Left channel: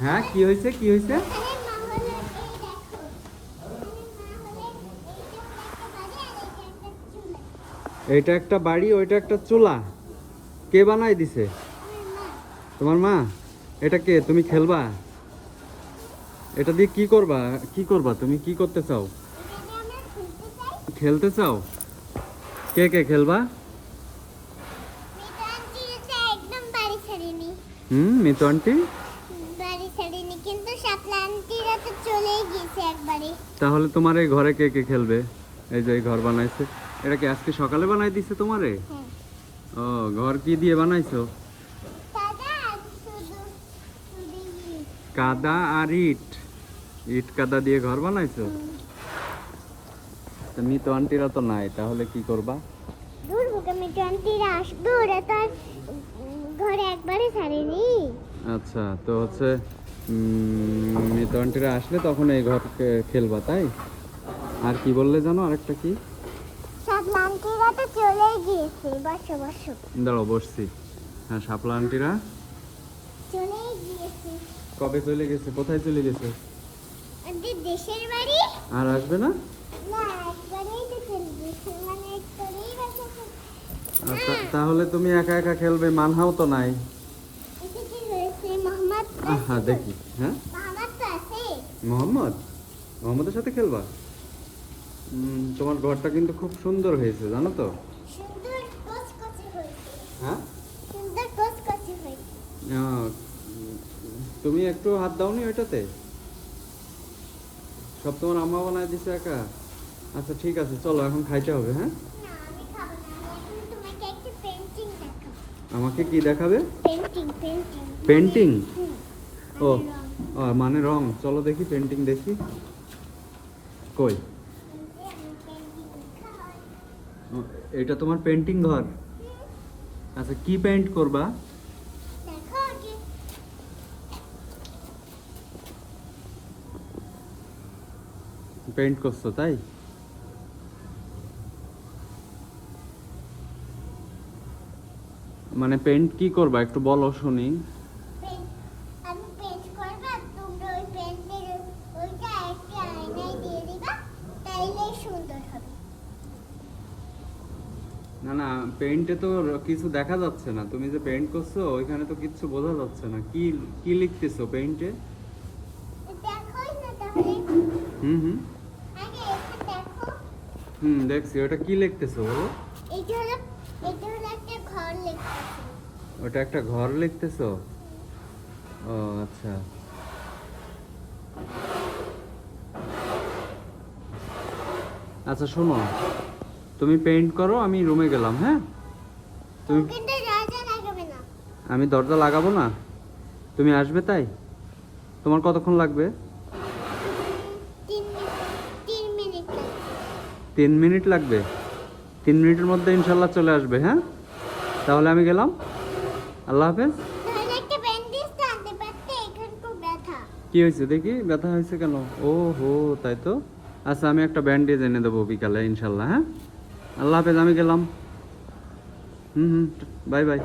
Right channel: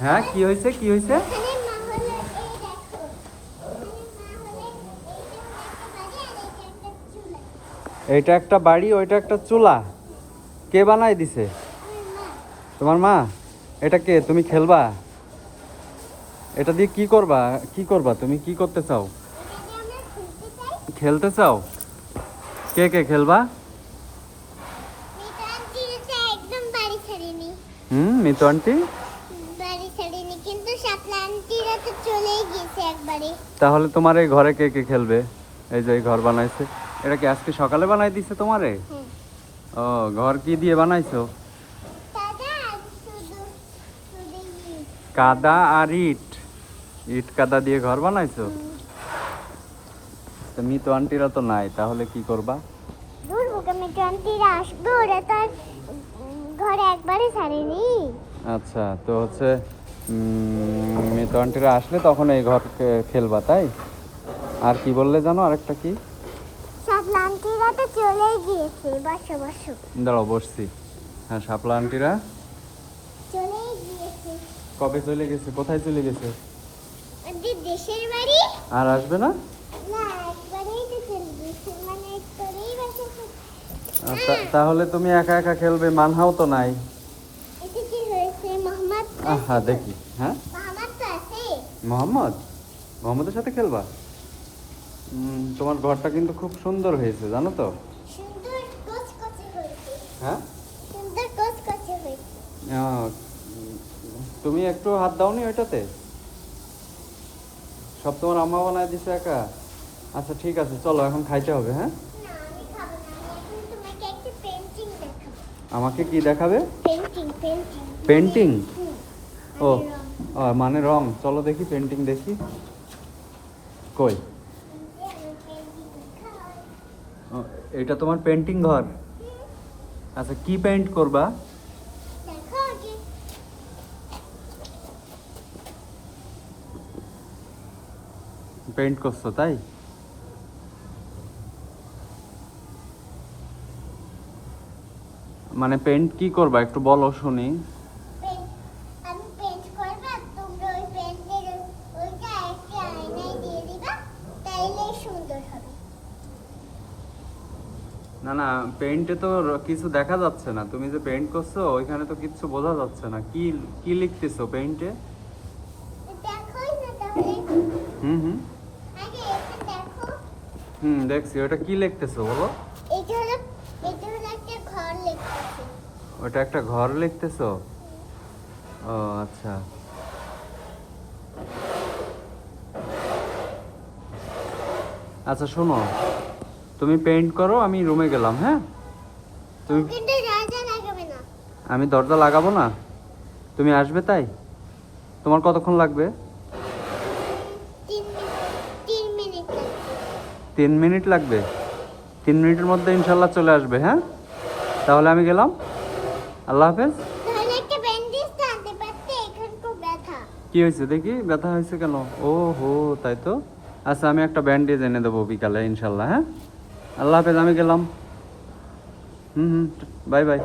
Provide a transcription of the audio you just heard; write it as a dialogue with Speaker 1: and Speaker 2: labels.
Speaker 1: হ্যাঁ কি হয়েছে কি হয়েছে?
Speaker 2: যে একটা বাড়ি
Speaker 1: ওইটা
Speaker 2: একটা চুলা।
Speaker 1: কে বানাই দিছে? তোমার মা? এটা কে? তুমি খেলবা? এটা দিয়ে কি করবা? কি করবা? তুমি কি করতে চাও?
Speaker 2: খুলতে
Speaker 1: চাও? কে কে খেলবা?
Speaker 2: এটা
Speaker 1: হুম মিতু আন্টি? তাহলে তোমার এই ঘরে কে কে খেলবে? এই যে এই ঘর বানাইছে। এটা কি আজকে সকালে বানাই দিছে তোমারে? ও ঘর কি দিয়ে বানাইছো? কাদা আর ইট। ইট। কাদা দিয়ে ঘর বানাইছো? তা মিতু আন্টিরা তো নাই তাহলে কি করবা?
Speaker 2: তো
Speaker 1: আচ্ছা তো হচ্ছে মিতু আন্টিরা আসলে তখন এই ঘর খেলবা তাই? আর কি বললে জানো আরেকটা কি? দাঁড়াও বসছি। হ্যাঁ শাপলা আন্টিরা? কবে চলে গেছে? কোথায় চলে গেছে? আর আসবে না?
Speaker 2: মানে
Speaker 1: তা- তাহলে তুমি একা একা খেলবে মানহাও তো নাই। হ্যাঁ দেখি। হ্যাঁ?
Speaker 2: মোহাম্মদ?
Speaker 1: মোহাম্মদের সাথে খেলবা? তোমার ঘরটা কিন্তু খুব সুন্দর হয়েছে জানো তো? হ্যাঁ? আহ, তুমি একটু হাত দাওনি ওইটাতে? সব তোমার আম্মা বানায় দিছে একা? আচ্ছা ঠিক আছে চলো এখন খাইতে হবে হ্যাঁ? আমাকে কি দেখাবে?
Speaker 2: পেন্টিং
Speaker 1: ও মানে রং। চলো দেখি পেন্টিং দেখি। কই? এটা তোমার পেন্টিং ঘর। আচ্ছা কি পেন্ট করবা? পেন্ট করছ, তাই? মানে পেন্ট কি করবা? একটু বলো শুনি
Speaker 2: পেন্ট আমি পেন্ট করব আর তোমরা ওই পেন্টের ওইটা একটা আয়নায় দিয়ে দিবা তাইলেই সুন্দর হবে
Speaker 1: না না পেন্টে তো কিছু দেখা যাচ্ছে না। তুমি যে পেন্ট করছ, ওইখানে তো কিছু বোঝা যাচ্ছে না। কি কি লিখতেছো
Speaker 2: তাহলে
Speaker 1: হুম হুম। হুম, দেখছি। ওটা কি লিখতেছো, বলো? ওটা একটা ঘর লিখতেছো? ও আচ্ছা। আচ্ছা শোনো। তুমি পেন্ট করো আমি রুমে গেলাম হ্যাঁ? তুমি আমি দরজা লাগাবো না। তুমি আসবে তাই? তোমার কতক্ষণ লাগবে?
Speaker 2: তিন মিনিট
Speaker 1: লাগবে। তিন মিনিটের মধ্যে ইনশাল্লাহ চলে আসবে হ্যাঁ? তাহলে আমি গেলাম। আল্লাহ হাফেজ। কি হয়েছে দেখি? ব্যথা হয়েছে কেন? ও হো তাই তো? আচ্ছা আমি একটা ব্যান্ডেজ এনে দেবো বিকালে ইনশাল্লাহ হ্যাঁ? আল্লাহ হাফেজ আমি গেলাম। হুম হুম বাই বাই।